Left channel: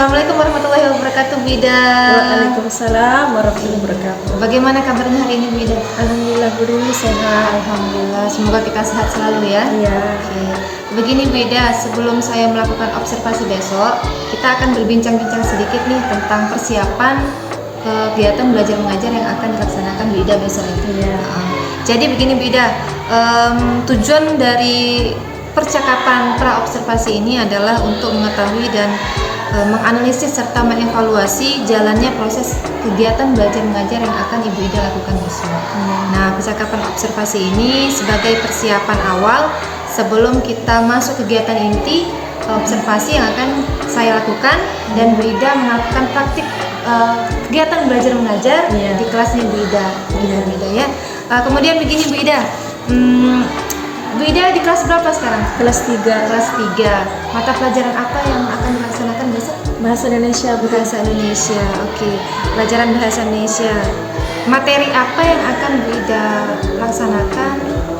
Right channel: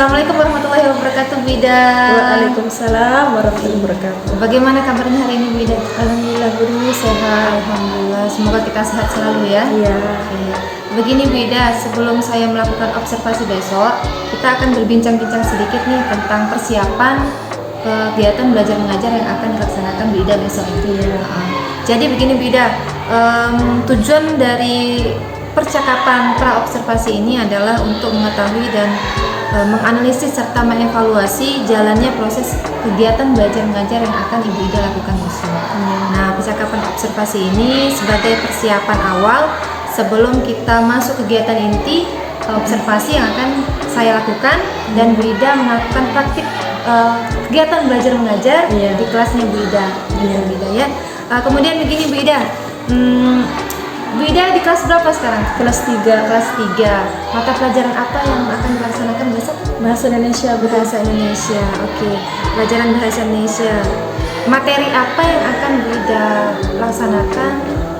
Assalamualaikum warahmatullahi wabarakatuh, Bida. Waalaikumsalam warahmatullahi wabarakatuh. Bagaimana kabarnya hari ini, Bida? Alhamdulillah Budi, sehat. Alhamdulillah, semoga kita sehat selalu ya. Iya. Oke. Begini Bida, sebelum saya melakukan observasi besok, kita akan berbincang-bincang sedikit nih tentang persiapan kegiatan belajar mengajar yang akan dilaksanakan Bida besok. Iya. Jadi begini Bida, tujuan dari percakapan pra observasi ini adalah untuk mengetahui dan menganalisis serta mengevaluasi jalannya proses kegiatan belajar mengajar yang akan Ibu Ida lakukan besok. Nah, percakapan observasi ini sebagai persiapan awal sebelum kita masuk kegiatan inti observasi yang akan saya lakukan dan Bu Ida melakukan praktik kegiatan belajar mengajar di kelasnya Bu Ida. Ya. Kemudian begini Bu Ida. Bu Ida di kelas berapa sekarang? Kelas 3. Kelas 3. Mata pelajaran apa yang akan dilaksanakan besok? Bahasa Indonesia. Bahasa Indonesia. Oke. Pelajaran bahasa Indonesia. Materi apa yang akan Bu Ida laksanakan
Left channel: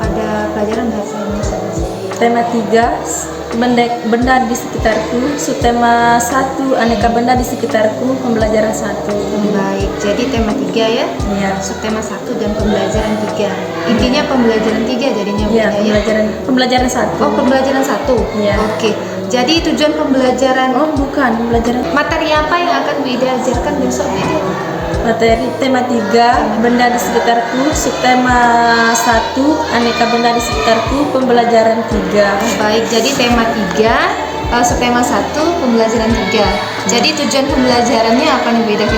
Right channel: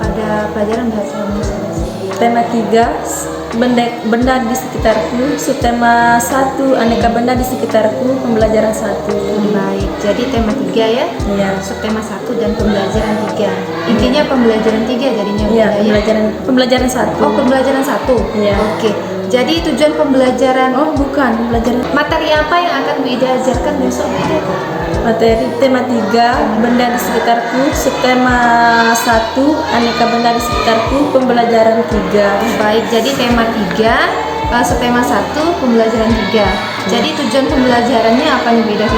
pada pelajaran bahasa Indonesia besok? Tema 3, benda di sekitarku. Subtema 1, aneka benda di sekitarku. Pembelajaran 1. Baik. Jadi tema 3 ya? Iya. Subtema 1 dan pembelajaran 3. Intinya pembelajaran 3 jadinya. Iya, pembelajaran 1. Oh, pembelajaran 1. Iya. Oke. Jadi tujuan pembelajaran pembelajaran. materi apa yang akan Bu Ida ajarkan besok Bu Ida? Materi tema 3, benda di sekitarku. Subtema 1, aneka benda di sekitarku. Pembelajaran 3. Baik, jadi tema 3, subtema 1, pembelajaran 3. Jadi tujuan pembelajarannya apa nih Bu Ida?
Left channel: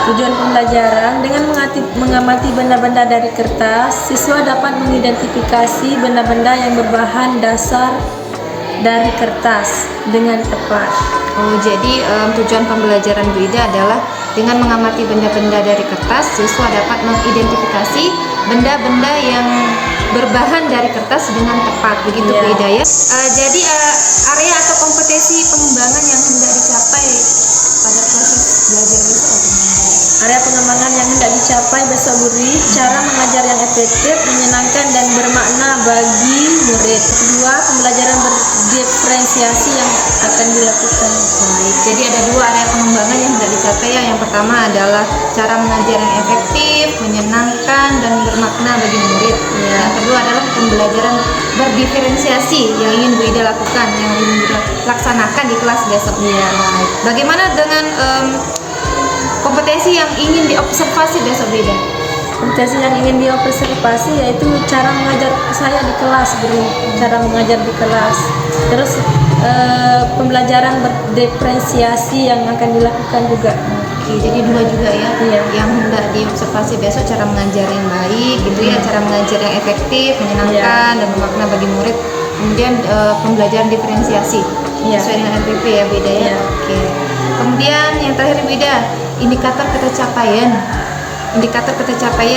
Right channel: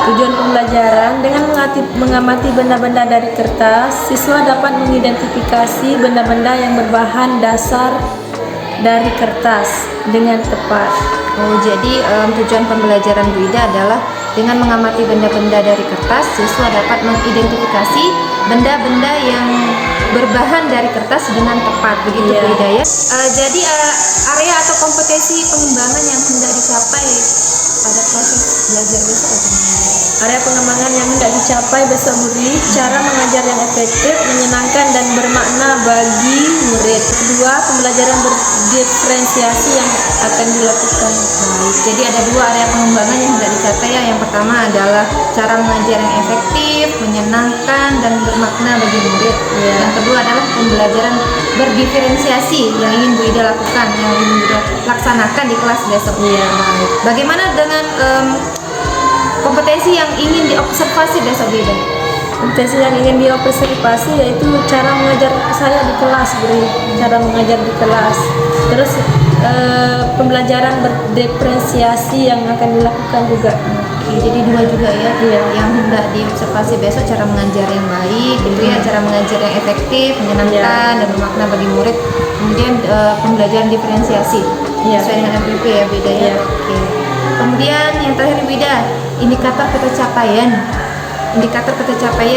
Tujuan pembelajaran dengan mengamati benda-benda dari kertas, siswa dapat mengidentifikasi benda-benda yang berbahan dasar dari kertas dengan tepat. Oh, jadi tujuan pembelajaran Bu Ida adalah dengan mengamati benda-benda dari kertas, siswa dapat mengidentifikasi benda-benda yang berbahan dari kertas dengan tepat, begitu Bu Ida ya. Jadi area atau kompetensi pengembangan yang hendak dicapai pada proses belajar besok ya? Area pengembangan yang hendak dicapai besok Budi, cara mengajar yang efektif, menyenangkan dan bermakna bagi murid. Kedua, pembelajaran berdiferensiasi yang akan dilakukan. Baik, jadi ada 2 area pengembangan yang hendak dicapai ya. Yang pertama adalah cara mengajar yang efektif, menyenangkan dan bermakna bagi murid. Yang kedua adalah pembelajaran berdiferensiasi yang ingin Bu Ida lakukan, yang ingin Bu Ida laksanakan di kelas besok. Baik. Bagaimana dengan kompetensi yang ingin diobservasi besok Bu Ida? Kompetensi yang ingin diobservasi yaitu cara mengajar saya di kelas, cara mengajar di kelas. Terus pembelajaran berdiferensiasi yang akan dilakukan juga. Jadi 2 juga ya, yang hendak diobservasi besok, cara mengajar yang baik, gitu ya, cara mengajar yang efektif, menyenangkan dan bermakna bagi murid. Kemudian pembelajaran diferensiasi sesuai dengan MPP ya Bu Ida ya. Oke. Kemudian yang terakhir Bu Ida, indikator ketercapaian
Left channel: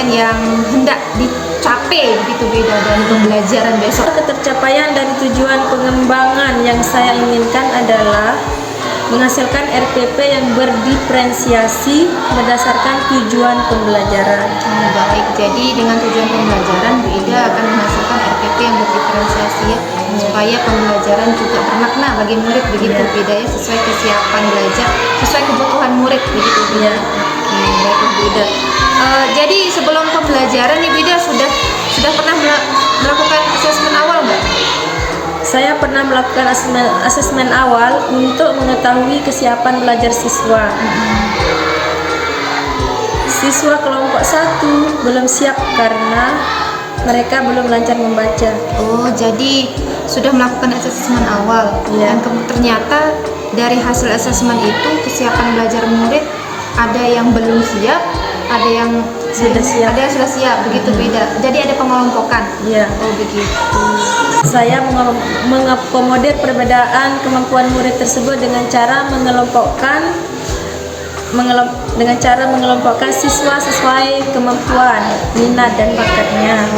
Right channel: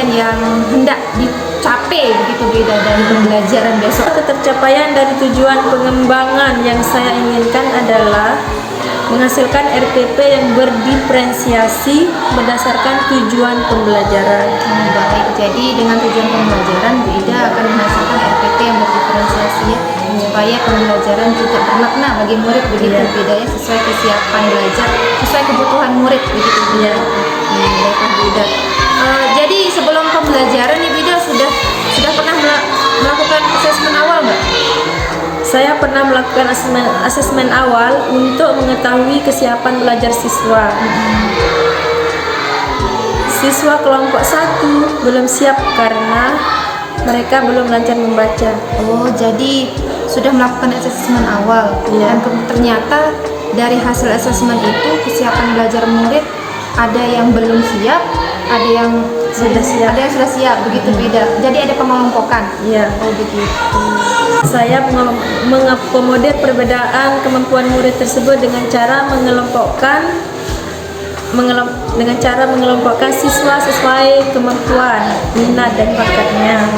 yang hendak dicapai begitu Bu Ida dari pembelajaran besok. Ketercapaian dari tujuan pengembangan yang saya inginkan adalah menghasilkan RPP yang berdiferensiasi berdasarkan tujuan pembelajaran. Baik, jadi dengan tujuan pembelajaran Bu Ida akan menghasilkan RPP yang berdiferensiasi ya, supaya pembelajaran juga bermakna bagi murid begitu Bu Ida ya, sesuai kesiapan belajar, sesuai kebutuhan murid begitu Bu Ida. Baik Bu Ida. Jadi sebelum pembelajaran nih Bu Ida sudah pernah melakukan asesmen awal nggak? Saya pernah melakukan asesmen awal untuk mengetahui kesiapan belajar siswa. Siswa kelompok 1 belum siap karena mereka belum lancar membaca. Oh, jadi sudah melakukan asesmen awal. Dan ternyata dari hasil asesmen itu kesiapan belajar murid ada yang belum siap, ada yang sudah siap, begitu beda. Jadi ada pengelompokan. Iya. Oh begitu. Saya mengakomodir perbedaan kemampuan murid tersebut dengan cara mengelompokkan siswa sesuai kemampuan, minat dan bakatnya.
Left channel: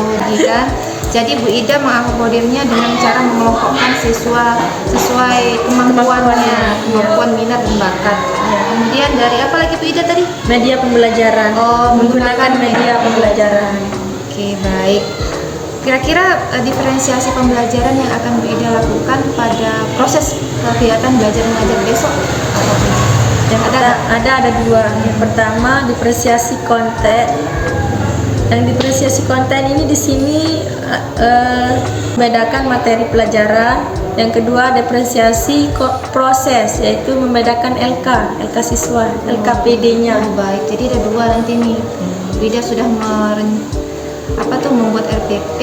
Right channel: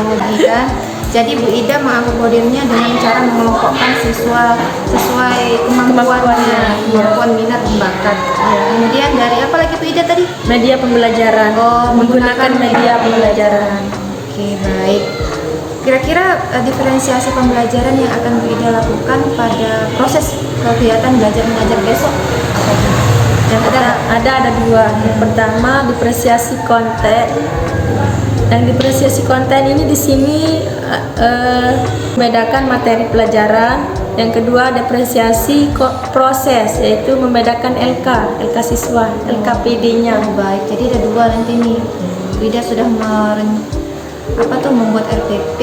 Jadi Bu Ida mengakomodirnya dengan cara mengelompokkan siswa sesuai kemampuannya, kemampuan minat dan bakat. Kemudian dari apa lagi Bu Ida tadi? Media pembelajaran. Menggunakan media pembelajaran. Oke, baik. Kira-kira diferensiasi pembelajaran yang akan Bu Ida lakukan pada proses kegiatan belajar mengajar besok apa saja? Ada dua. Yang pertama diferensiasi konten. Yang diferensiasi konten ini di sini membedakan materi pelajaran. Yang kedua diferensiasi proses, yaitu membedakan LK siswa, LKPD-nya. Oh, baik, jadi ada dua nanti nih. Wida sudah membuat RPP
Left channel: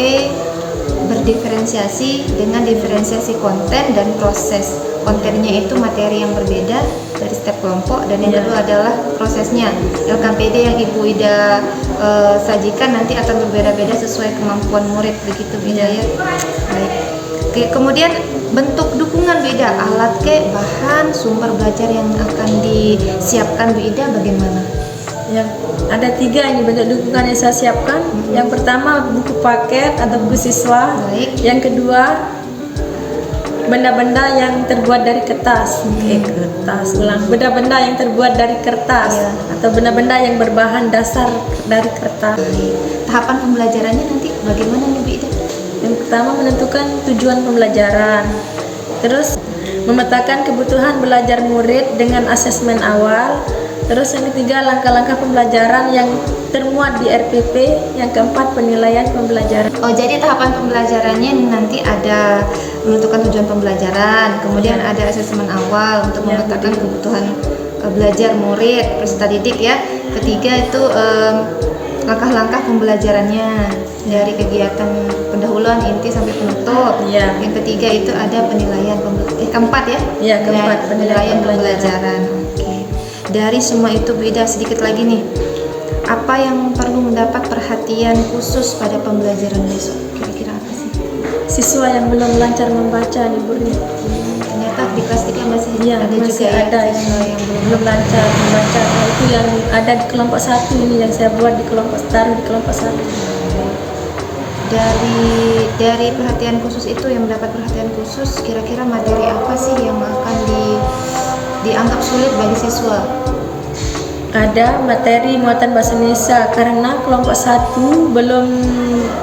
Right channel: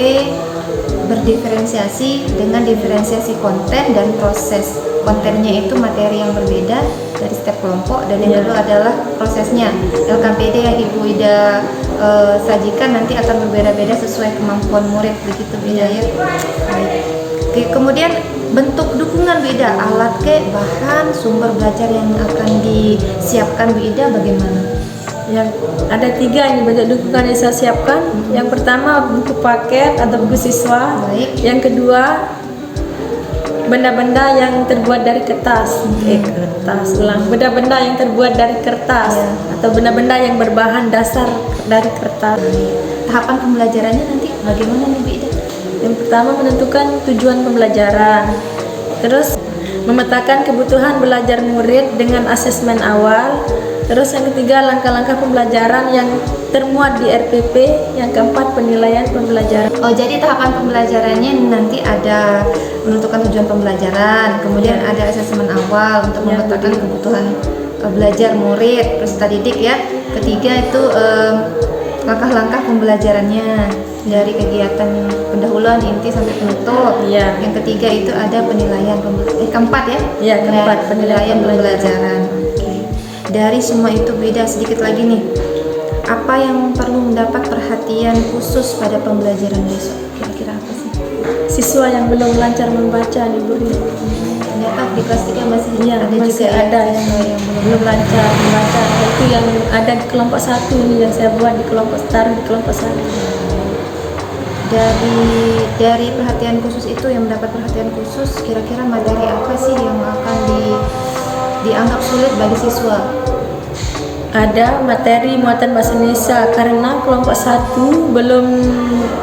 berdiferensiasi dengan diferensiasi konten dan proses. Kontennya itu materi yang berbeda dari setiap kelompok, dan yang kedua adalah prosesnya. LKPD yang Ibu Wida sajikan nanti akan berbeda-beda sesuai kemampuan murid, begitu Wida ya. Oke, kemudian bentuk dukungan Wida, alat bahan sumber belajar yang akan disiapkan Wida bagaimana? Yang ada 3 ini bentuk dukungan yang saya siapkan. Yang pertama buku paket atau buku siswa. Baik. Yang kedua benda-benda yang terbuat dari kertas. Benda-benda yang terbuat dari kertas atau benda-benda yang berbahan dasar dari kertas. Tahapan pembelajarannya nanti bagaimana nih Wida? Yang pertama menentukan tujuan pembelajaran. Terus memetakan kebutuhan belajar murid dengan asesmen awal. Terus yang ketiga langkah-langkah pembelajaran yang termuat di RPP. Yang keempat penilaian pembelajaran. Oh, jadi tahapan pembelajarannya nanti ada menentukan tujuan pembelajaran, kemudian ada asesmen awal untuk memetakan kebutuhan belajar murid peserta didik ya. Ketiga itu langkah-langkah pembelajarannya dari kegiatan pendahuluan, inti sampai penutup. Yang ketiga itu ada penilaian keempat ya. Keempat penilaian pembelajaran. Dari semua itu Wida sedikit lagi nih, apa yang perlu mendapat perhatian khusus pada pembelajaran besok? Kira-kira apa sih? Siswa yang belum lancar membaca nih Bu. Ternyata di kelas 3 masih ada yang belum lancar membaca. Nah, itu yang ada di kelompok 1 ini yang saya buat di kelompok 1. Dari perhatian khusus itu, yang mendapat perhatian khusus, kira-kira materi apa sih yang akan dianggap sulit bagi siswa? Ada materi muatan bahasa Indonesia karena kelompok 1 belum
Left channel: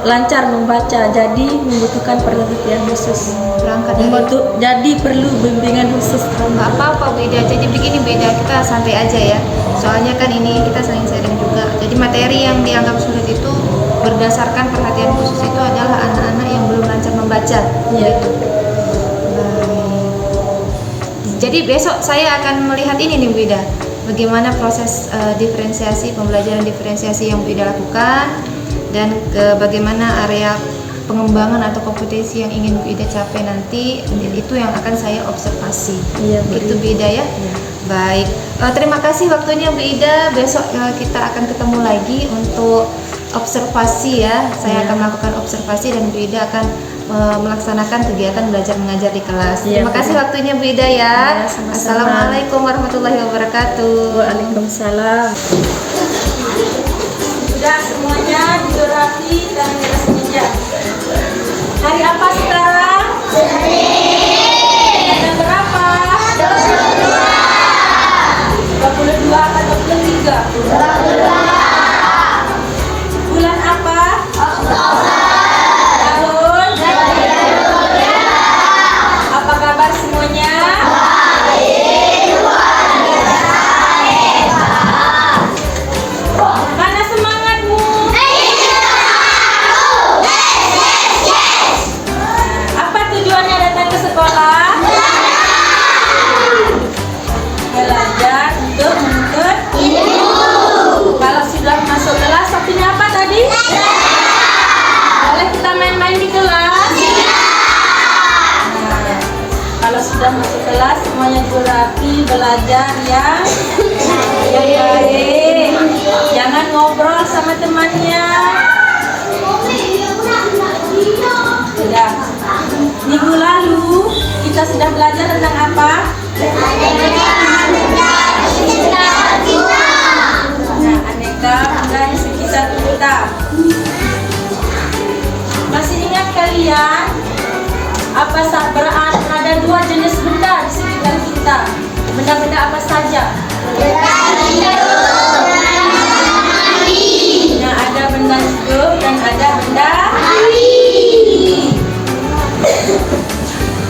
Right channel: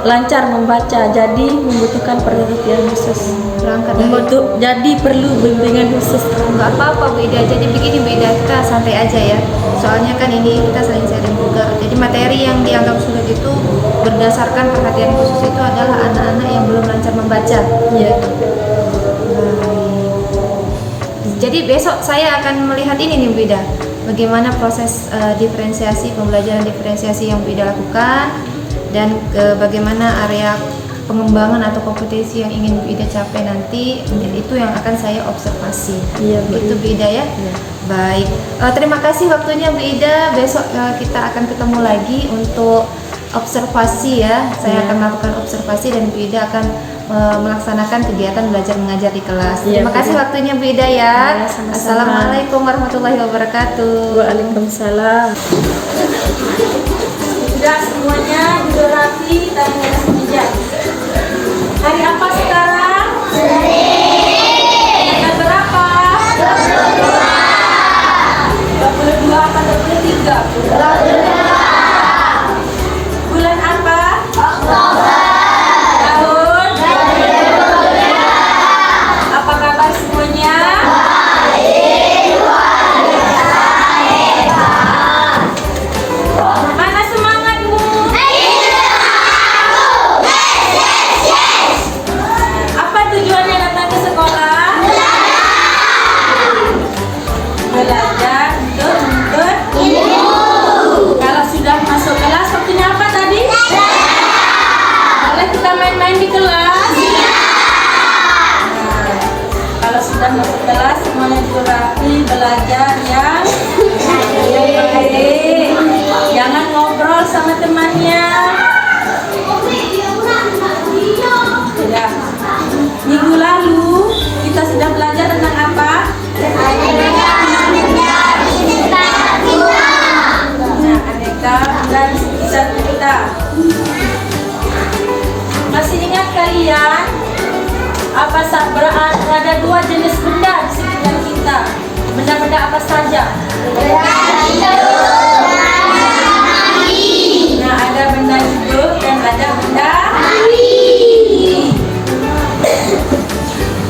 lancar membaca, jadi membutuhkan perhatian khusus. Jadi perlu bimbingan khusus. Nggak apa-apa Wida, jadi begini Wida, kita santai aja ya. Soalnya kan ini kita sering sharing juga. Jadi materi yang dianggap sulit itu berdasarkan perhatian khusus itu adalah anak-anak yang belum lancar membaca. Jadi besok saya akan melihat ini nih Wida, bagaimana proses diferensiasi, pembelajaran diferensiasi yang Wida lakukan, dan bagaimana area pengembangan atau kompetisi yang ingin Wida capai nanti, itu yang akan saya observasi. Itu Wida ya. Baik, terima kasih waktunya Bu Ida. Besok kita akan ketemu lagi untuk observasi ya. Saya akan melakukan observasi dan Bu Ida akan melaksanakan kegiatan belajar mengajar di kelas. Terima kasih waktunya Bu Ida ya. Assalamualaikum warahmatullahi wabarakatuh. Waalaikumsalam. Sudah semuanya juga rapi dan di atas meja. Hari apa sekarang? Tanggal berapa? 22 atau 23? Bulan apa? Tahun? Apa kabar semuanya? Mana semangatmu? Apa tujuannya datang ke sekolah? Belajar untuk menuntut ilmu. Kalau sudah masuk kelas, waktunya apa tadi? Boleh kita main-main di kelas? Nah, kalau sudah masuk kelas, semuanya juga rapi, belajar yang baik. Jangan ngobrol sama temannya. Ya. Minggu lalu kita sudah belajar tentang apa? Nah, aneka benda di sekitar kita. Masih ingat kalian apa ada 2 jenis benda di sekitar kita? Benda-benda apa saja? Nah, ada benda hidup dan ada benda mati.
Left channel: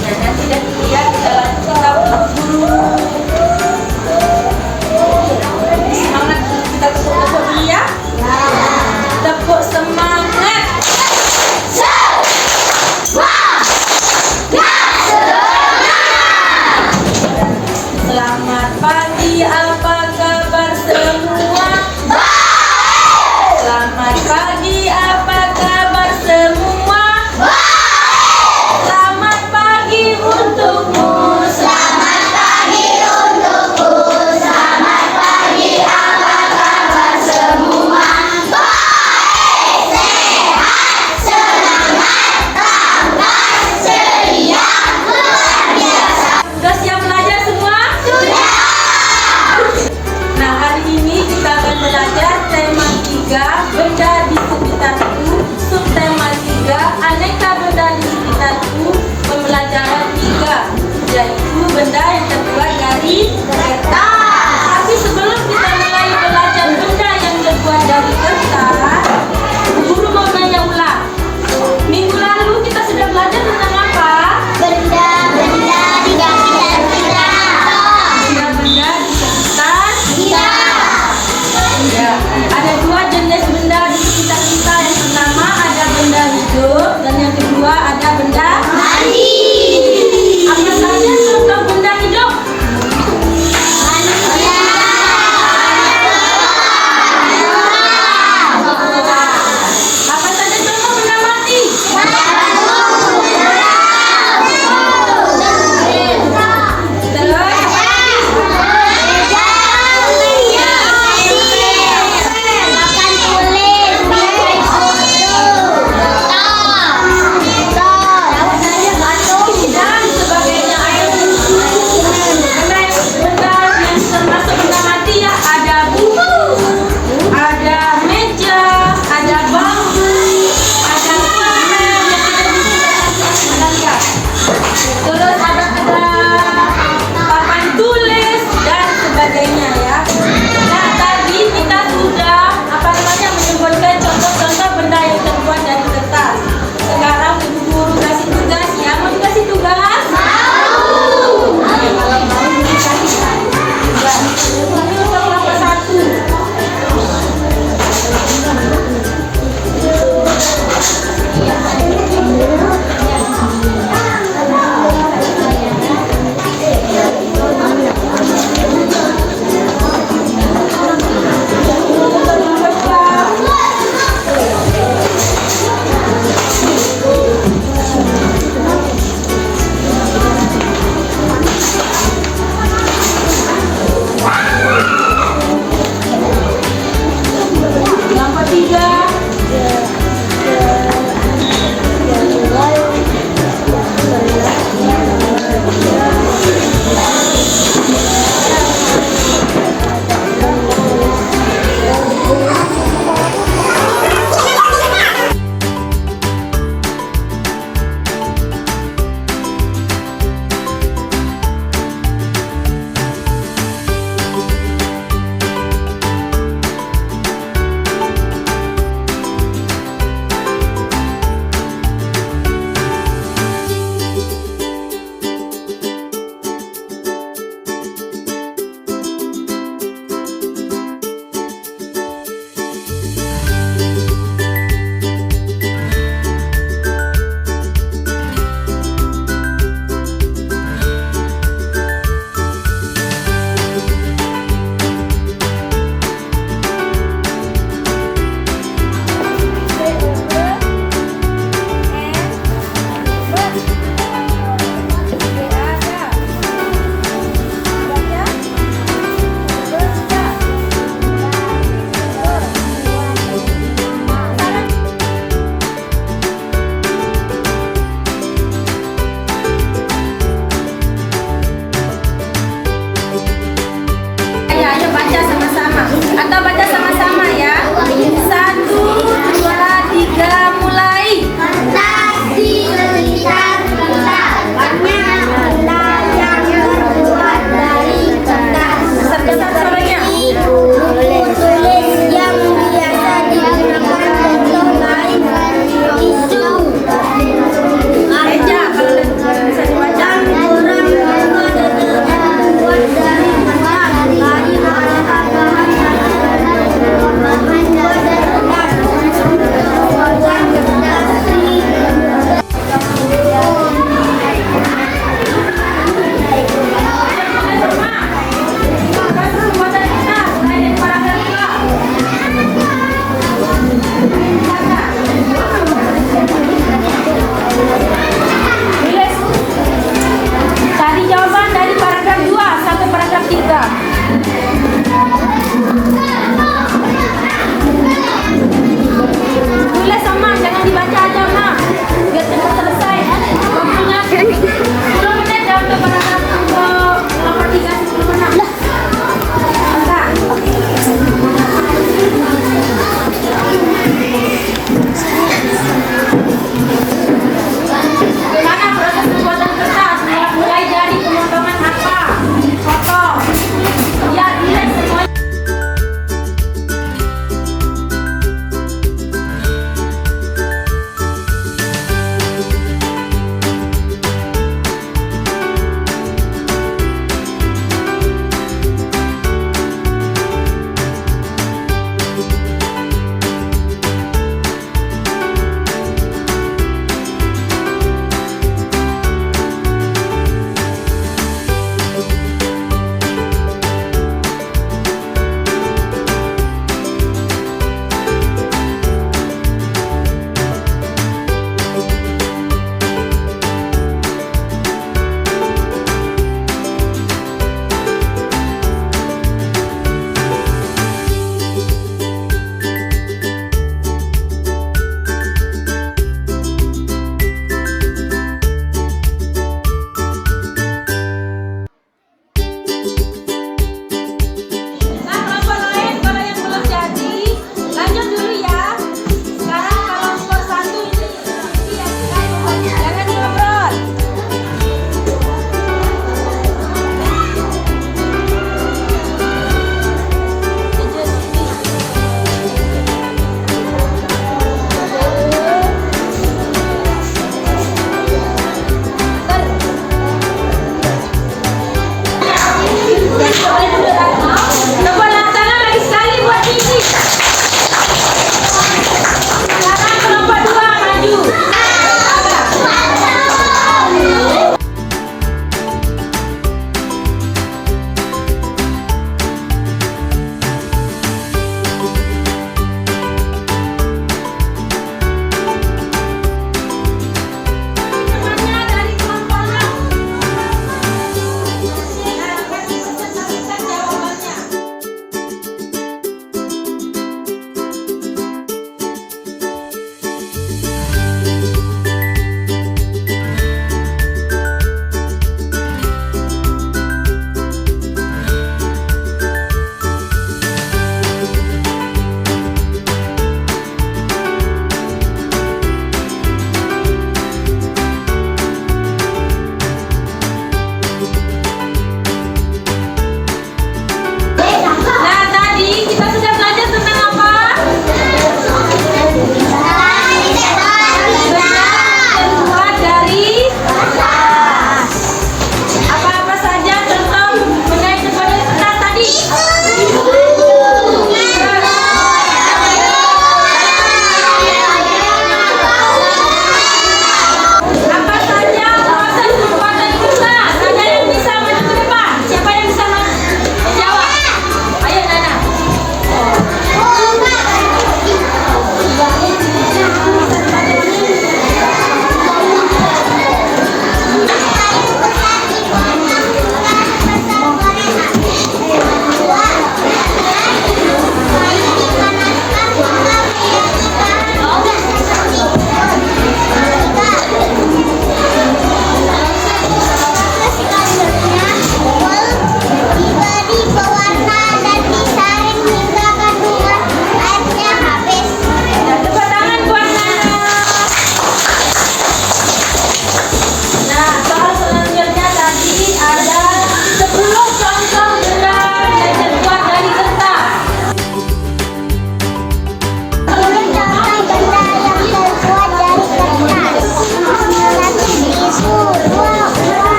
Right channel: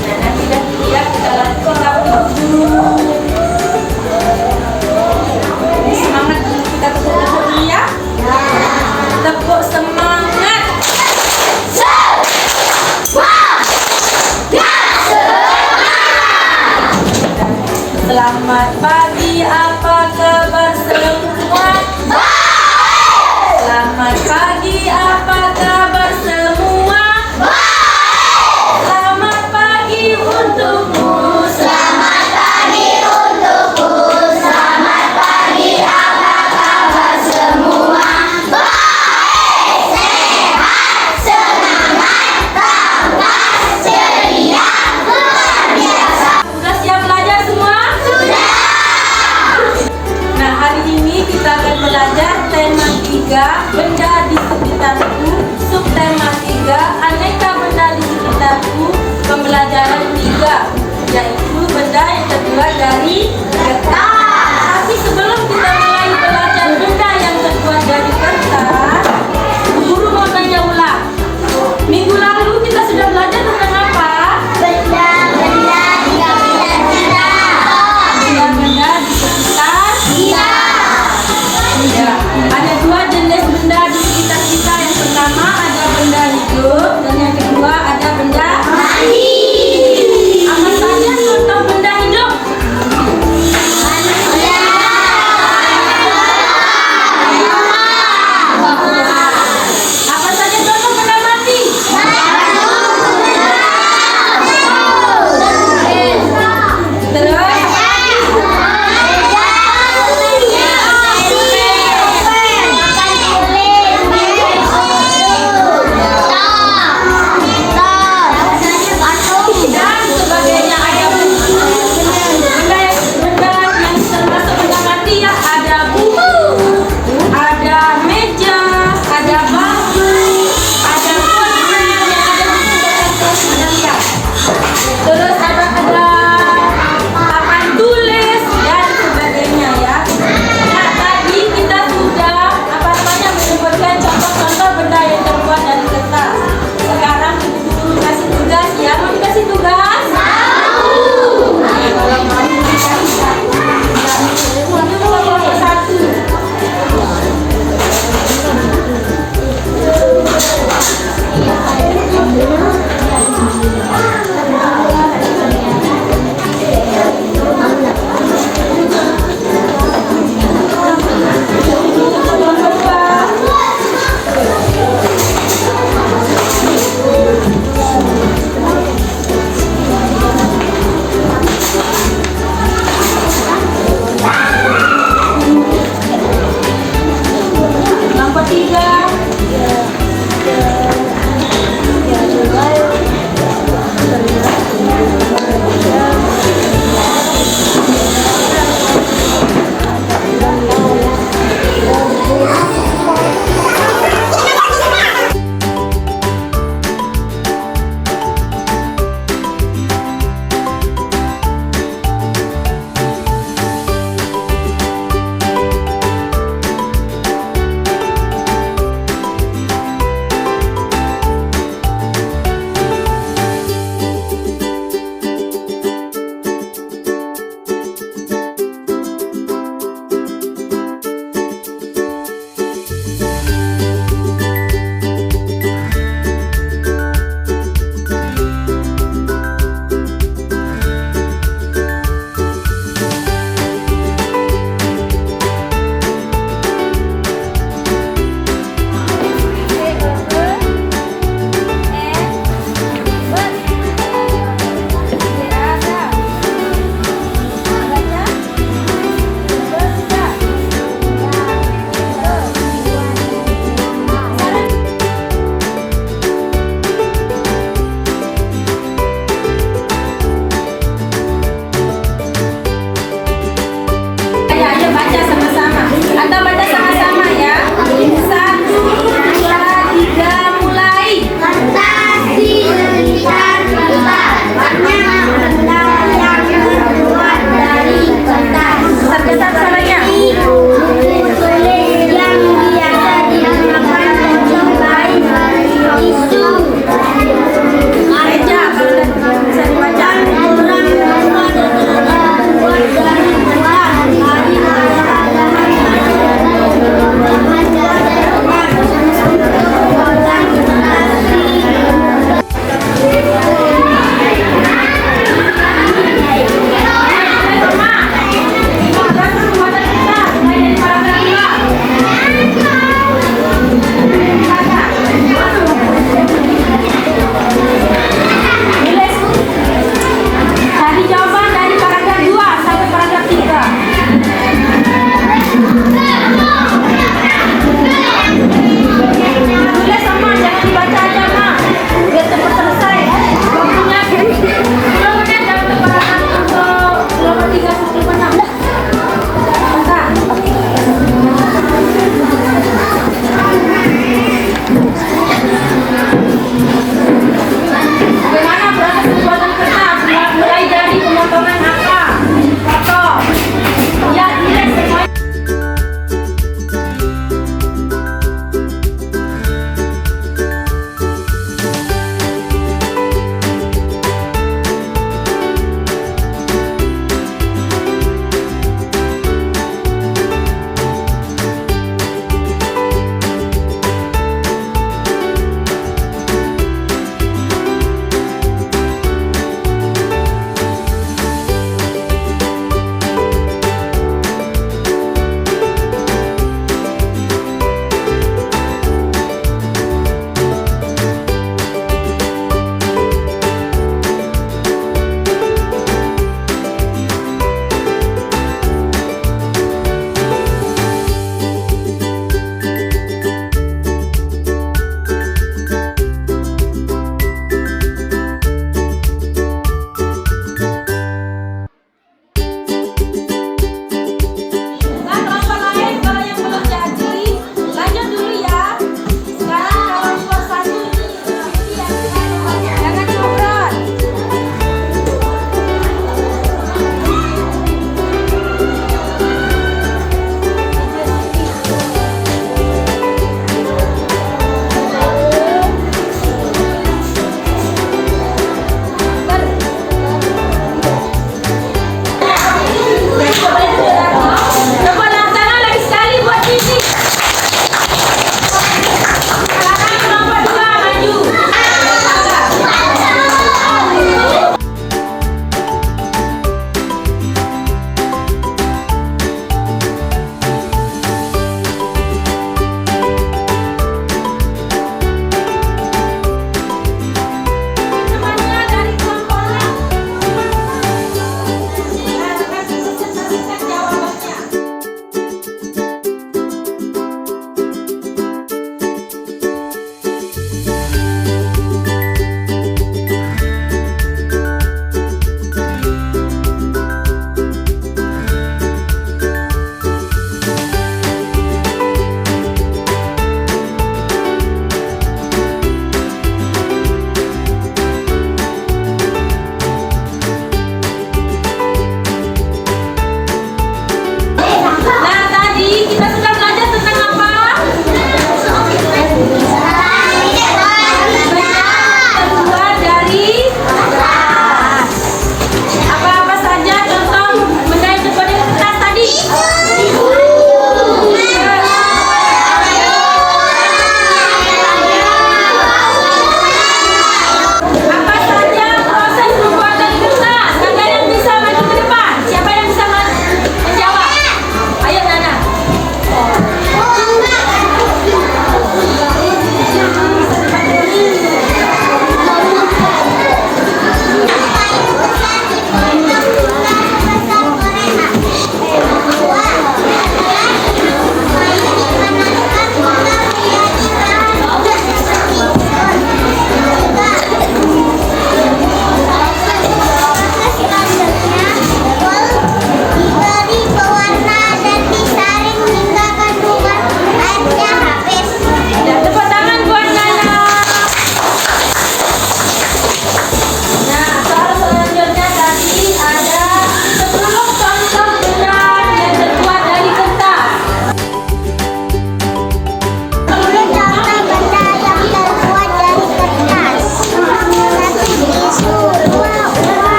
Nah, nanti dah kita lanjut kita guru. 3, benda di sekitarku. Subtema 3, aneka benda di sekitarku. Pembelajaran 3, yaitu benda yang terbuat dari kertas. Tapi sebelum kita mulai belajar benda yang terbuat dari kertas, guru mau tanya ulang. Minggu lalu kita sudah belajar tentang apa? Benda-benda di sekitar. Ya, ada 2 jenis benda di sekitar kita. Yang pertama ada benda hidup dan yang kedua ada benda mati. Apa saja contoh benda hidup? Apa saja contoh benda mati? Terus apa lagi?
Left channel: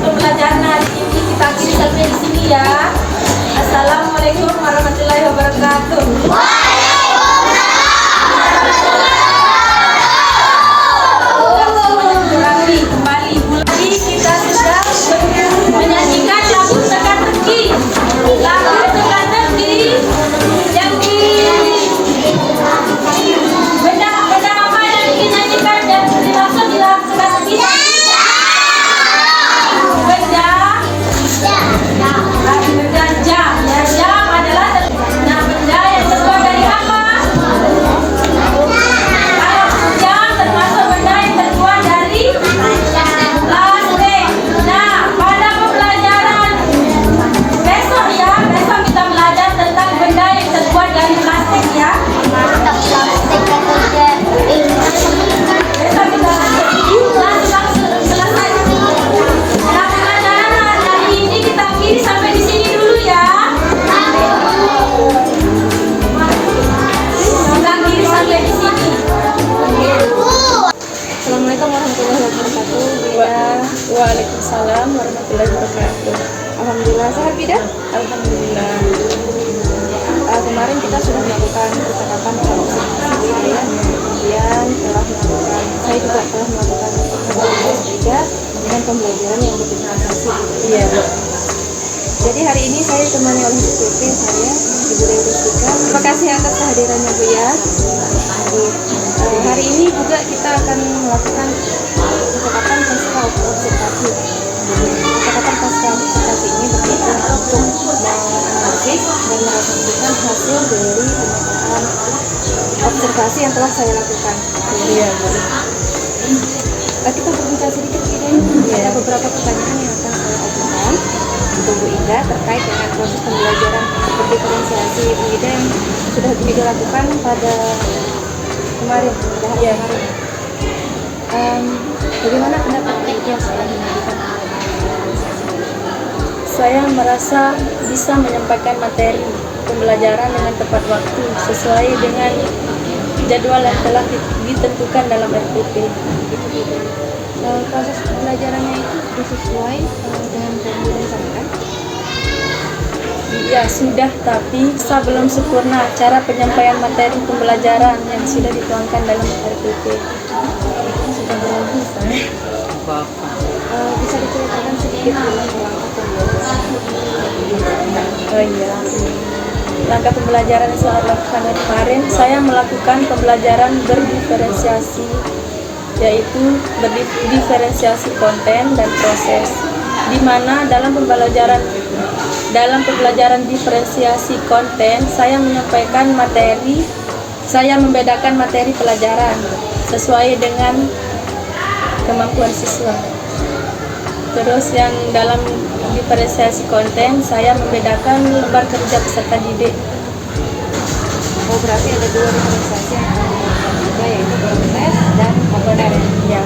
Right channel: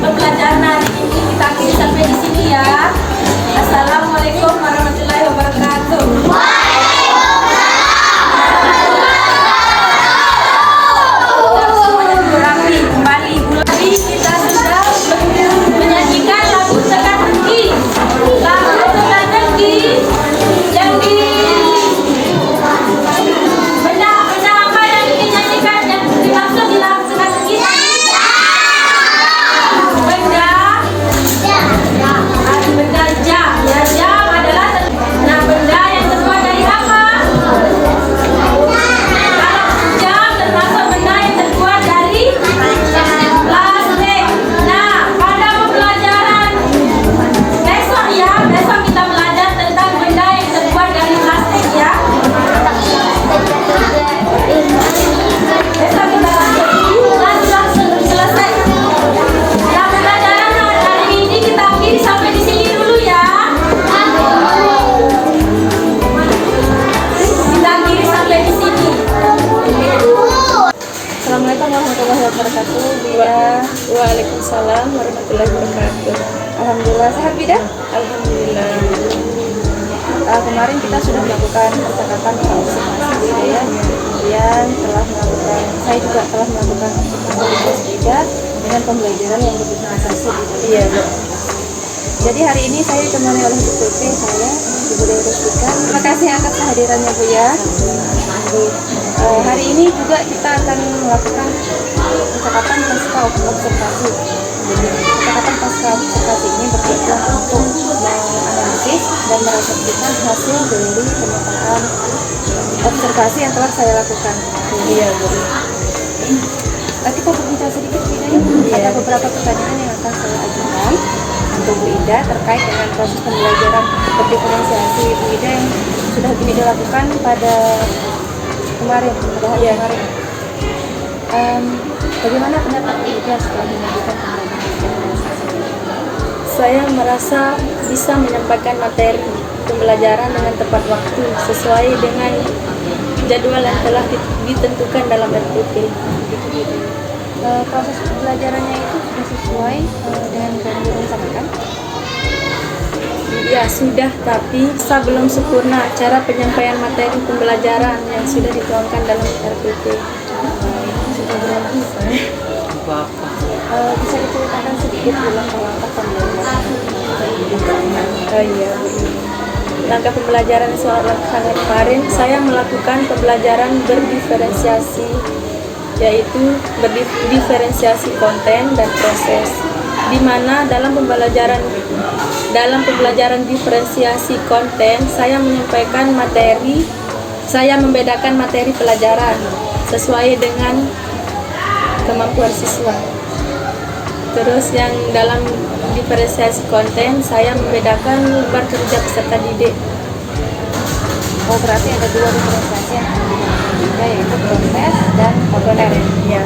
pembelajaran hari ini kita akhiri sampai di sini ya. Assalamualaikum warahmatullahi wabarakatuh. Sudah semuanya duduk rapi kembali. Mulai kita sudah menyanyikan lagu teka-teki. Lagu teka-teki yang di benda apa yang dinyanyikan dan langsung di lagu teka-teki. Benda jam. Ya, jam adalah benda yang terbuat dari apa? Kalau jam termasuk benda yang terbuat dari plastik. Nah, pada pembelajaran besok ya, besok kita belajar tentang benda yang terbuat dari plastik ya. Besok kita langsung selesai. Nah, pembelajaran hari ini kita akhiri sampai di sini dulu ya. Kita akhiri sampai di sini. Assalamualaikum warahmatullahi wabarakatuh. Waalaikumsalam warahmatullahi wabarakatuh. Alhamdulillah sehat Bida. Alhamdulillah. Kemarin kita sudah melakukan percakapan observasi ya, kemudian saya juga telah melakukan analisis juga dengan pembelajaran yang berdifferensiasi. Iya. Jadi hari ini saya ditemani oleh DPP saya, Ibu Dewi Rustika. Terima kasih atas kehadirannya Bu ya. Jadi, hari ini juga kita akan melakukan percakapan pasca observasi. Jadi percakapan pasca observasi ini bertujuan untuk menganalisis dan merefleksikan hasil dari pemetaan observasi yang telah saya lakukan. Iya, Bu. Kita berbicara sedikit ini. Ada beberapa pertanyaan yang akan saya ajukan untuk Bu Ida terkait dengan proses pembelajaran berdiferensiasi Bu Ida yang sudah Bu Ida lakukan pada kemarin, pada hari kemarin. Bagaimana pendapat Bu Ida setelah melakukan pembelajaran? Saya merasa bisa menyampaikan materi pembelajaran dengan tepat waktu sesuai dengan jadwal yang telah ditentukan dalam RPP. Proses pembelajarannya itu sudah sesuai dengan yang direncanakan? Ya sudah, tapi saya belum sempurna cara penyampaian materi pembelajaran yang sudah dituangkan dalam RPP. Sudah berhenti saya. Bisa diceritakan sedikit langkah pembelajaran? Oh iya. Langkah pembelajaran yang saya lakukan kemarin, saya melakukan pembelajaran berdiferensiasi, yaitu berdiferensiasi konten dan proses, di mana dalam pembelajaran diferensiasi konten saya menyampaikan materi, saya membedakan materi pelajaran sesuai dengan kemampuan siswa. Terus yang dalam diferensiasi konten saya membedakan lembar kerja peserta didik. Oh, berarti ada dua diferensiasi yang akan dilakukan juga, yaitu proses dan konten. Ya.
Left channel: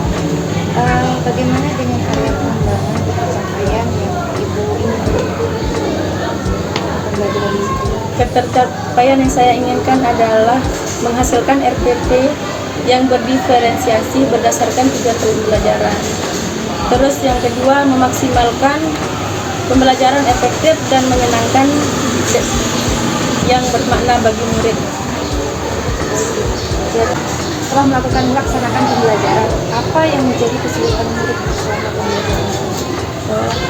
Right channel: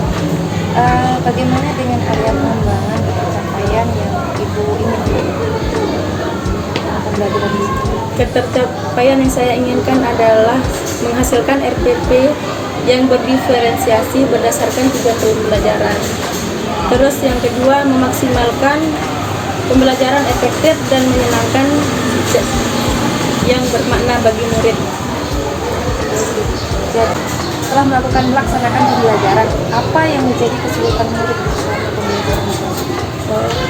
Bagaimana dengan area pengembangan pencapaian yang Ibu inginkan pembelajaran di sini? Ketercapaian yang saya inginkan adalah menghasilkan RPP yang berdiferensiasi berdasarkan 3 tahun pembelajaran. Terus yang kedua, memaksimalkan pembelajaran efektif dan menyenangkan yang bermakna bagi murid. Setelah melaksanakan pembelajaran, apa yang menjadi kesulitan murid selama pembelajaran?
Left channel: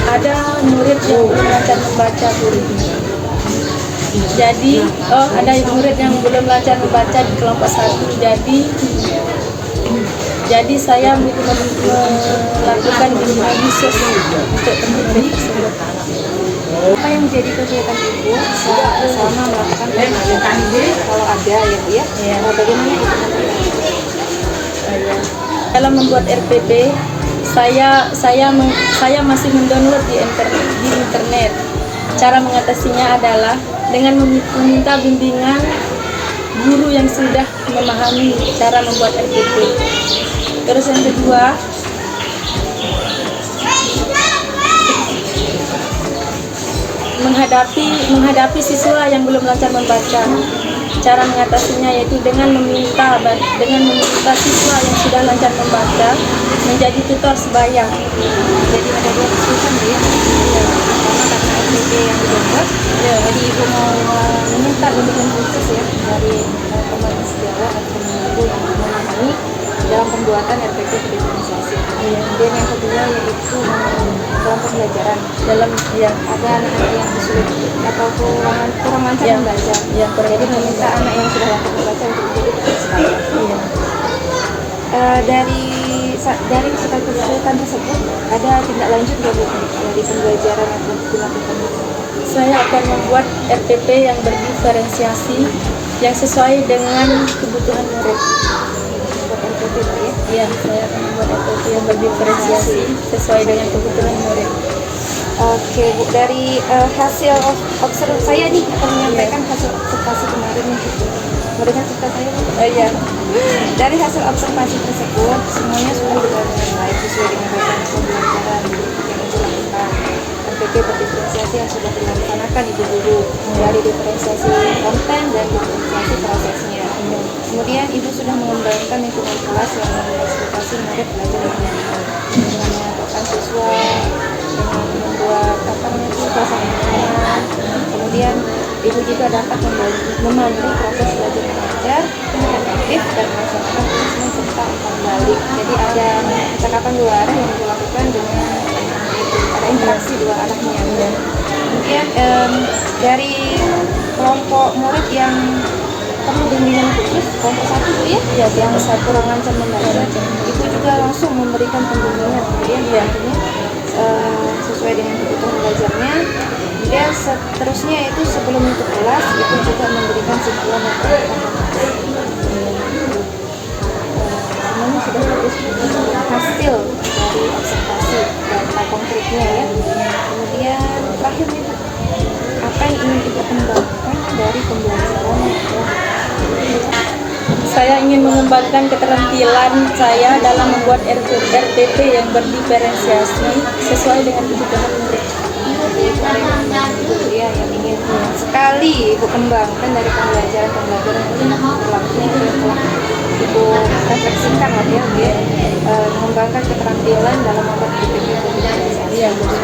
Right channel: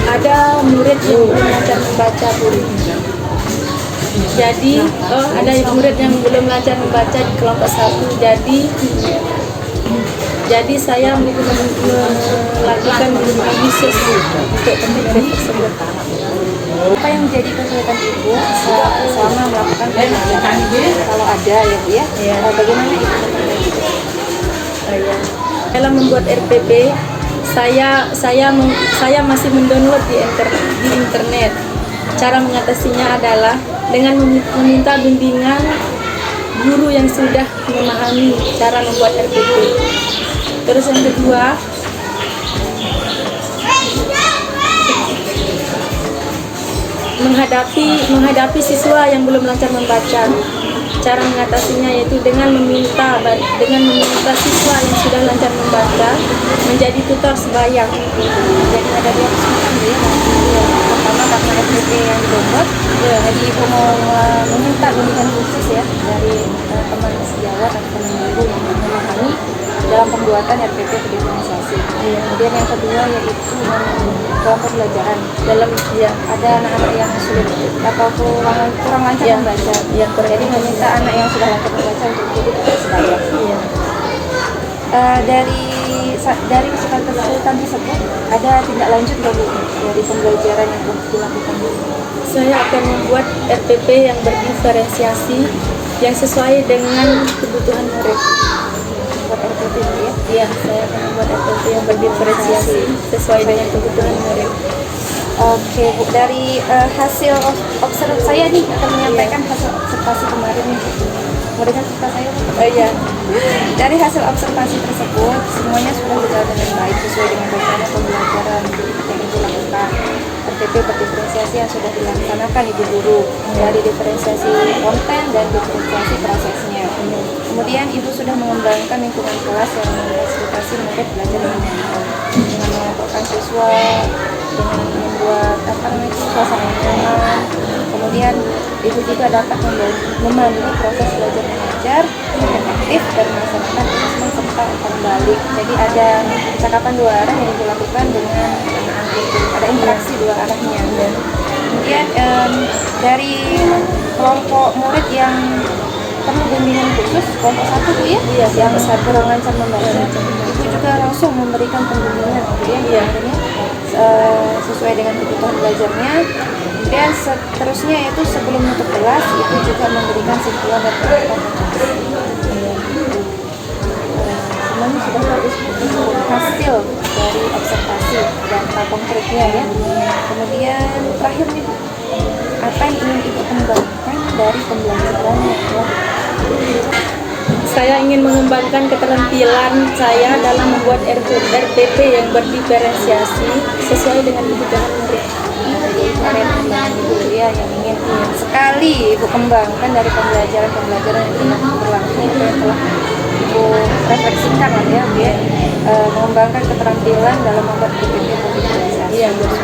Ada murid yang belum lancar membaca, Bu. Jadi, ada murid yang belum lancar membaca di kelompok 1. Jadi saya melakukan bimbingan khusus untuk murid tersebut. Apa yang menjadi kesulitan Ibu selama melakukan pembelajaran? Kalau ada ya Bu ya? Iya. Bagaimana Ibu? Dalam membuat RPP, saya masih mendownload di internet. Cara mengatasinya adalah dengan meminta bimbingan guru yang sudah memahami cara membuat RPP. Terus yang kedua, menghadapi siswa yang belum lancar membaca. cara mengatasinya yaitu dengan meminta siswa yang sudah lancar membaca menjadi tutor sebaya. Jadi ada dua kesulitan Bu ya. Ya, Pertama karena SPP yang dibuat. ya, Jadi Ibu mau meminta bimbingan khusus ya dari teman sejawat atau teman ibu yang memahami dalam pembuatan RPP diferensiasi. Iya. Kemudian yang kedua yaitu dalam pembelajaran. ya, Ada anak-anak yang sulit atau kurang lancar Iya. membaca. Iya, kurang Jadi lancar meminta anak yang sudah lancar membaca untuk ikut sebaya. iya. Dari kesulitan tersebut ada tindak lanjut nggak Bu dari pembelajaran yang dilakukan? Saya akan membuat RPP yang berdiferensiasi yang sesuai dengan kebutuhan murid. Buat RPP Bu ya. Ya, saya akan membuat RPP yang berdiferensiasi sesuai dengan kebutuhan murid. Oke Bu, dari hasil observasi saya nih akan menyampaikan hasil observasi kemarin nih. Mau dengar cerita saya Bu? Iya. Dari hasil observasi tersebut semuanya sudah berjalan dengan baik sesuai dengan rencana pembelajaran yang Ibu lakukan. RPP berdiferensiasi yang sudah dilaksanakan Ibu guru dari diferensiasi konten dan diferensiasi prosesnya. Kemudian Ibu sudah mengembangkan lingkungan kelas yang memfasilitasi murid belajar dengan mengelompokkan siswa, dengan membuat suasana nyaman. Kemudian Ibu juga dapat memandu proses belajar mengajar dengan aktif dan melaksanakan asesmen serta umpan balik. Jadi ada percakapan dua arah yang dilakukan dengan ada interaksi dua arahnya. Kemudian dari kelompok murid yang perlu bimbingan khusus kelompok 1 Bu ya, yang kurang lancar membaca, itu juga langsung memberikan pembimbingan kemudian akhirnya sesuai dengan kebutuhan belajarnya. Dan seterusnya itu sebelum menutup kelas itu juga memberikan simpulan dan pendapat. Semuanya sudah bagus hasil dari observasi data konkretnya ya. Kemudian terakhir nih Bu, apa yang ingin Ibu kembangkan dari pembelajaran yang telah Saya ingin mengembangkan keterampilan saya dalam membuat RPP yang berdiferensiasi sesuai dengan kebutuhan murid. Ibu ada yang ingin sekali Ibu kembangkan dari pembelajaran yang telah berlangsung atau yang telah Ibu refleksikan lah ya, mengembangkan keterampilan dalam membuat RPP diferensiasi. Iya, betul.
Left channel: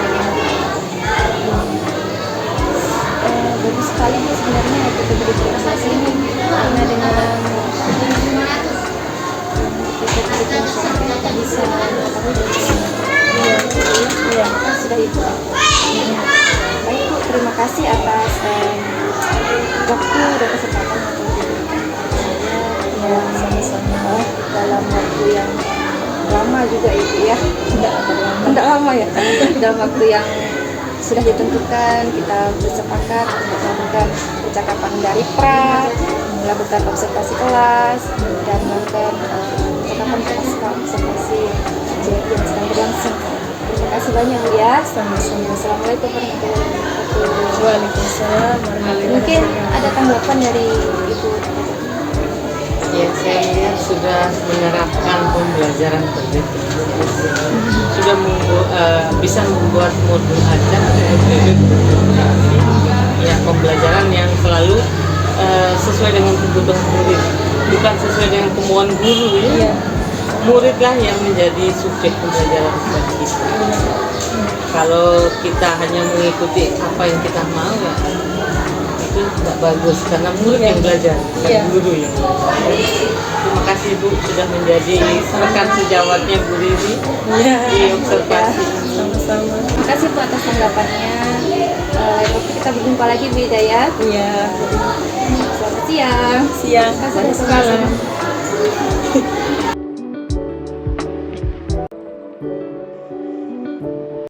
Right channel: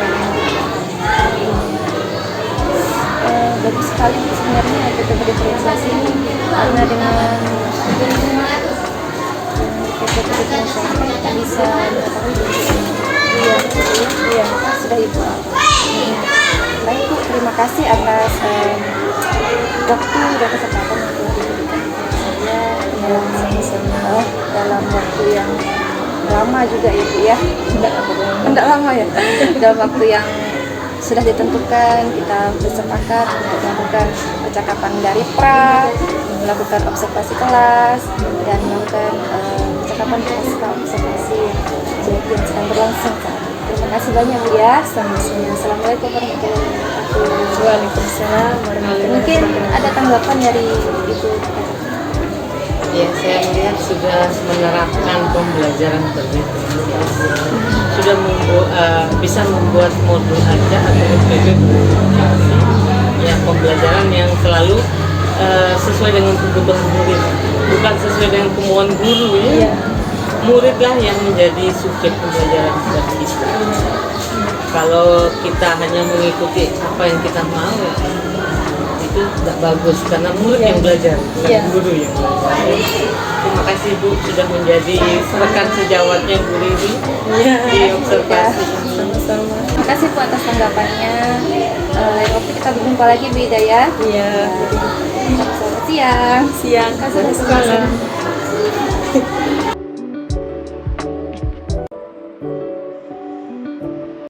Bagus sekali sebenarnya RPP diferensiasi ini karena dengan RPP diferensiasi kita bisa mengetahui Iya. sudah Ibu. Baik Bu, terima kasih atas waktu dan kesempatan yang telah diberikan kepada saya sama-sama dalam waktu yang lama juga Ibu ya. Enggak lama ya. Dalam waktu yang sudah ditentukan kita bersepakat untuk melakukan percakapan dari pra, melakukan observasi kelas dan melakukan percakapan pasca observasi yang sedang berlangsung saat ini. Terima kasih banyak Bu ya. Sama-sama. Assalamualaikum warahmatullahi wabarakatuh. Waalaikumsalam warahmatullahi Mungkin wabarakatuh. ada tanggapan dari Ibu. Ya, saya melihat sudah menerapkan pembelajaran berdiferensiasi, sudah bisa membuat modul ajar atau RPP berdiferensiasi, ya pembelajaran yang selalu sesuai dengan kebutuhan murid, bukan sesuai dengan kemauan guru ya. Iya. Muridlah yang menjadi subjek pembelajaran bagi kita. Kalau kita hanya mengikuti apa yang kita mau, ya, itu tidak bagus karena murid yang belajar, bukan Iya. guru yang belajar. Terima kasih Bu sudah menjadi rekan sejawatnya Bu Riri Iya. di observasi. Sama-sama. Terima kasih Bu atas tanggapannya. Lain waktu kita berjumpa lagi Bu Hidayah. Iya. Selamat siang. Siang. Terima kasih. Malam.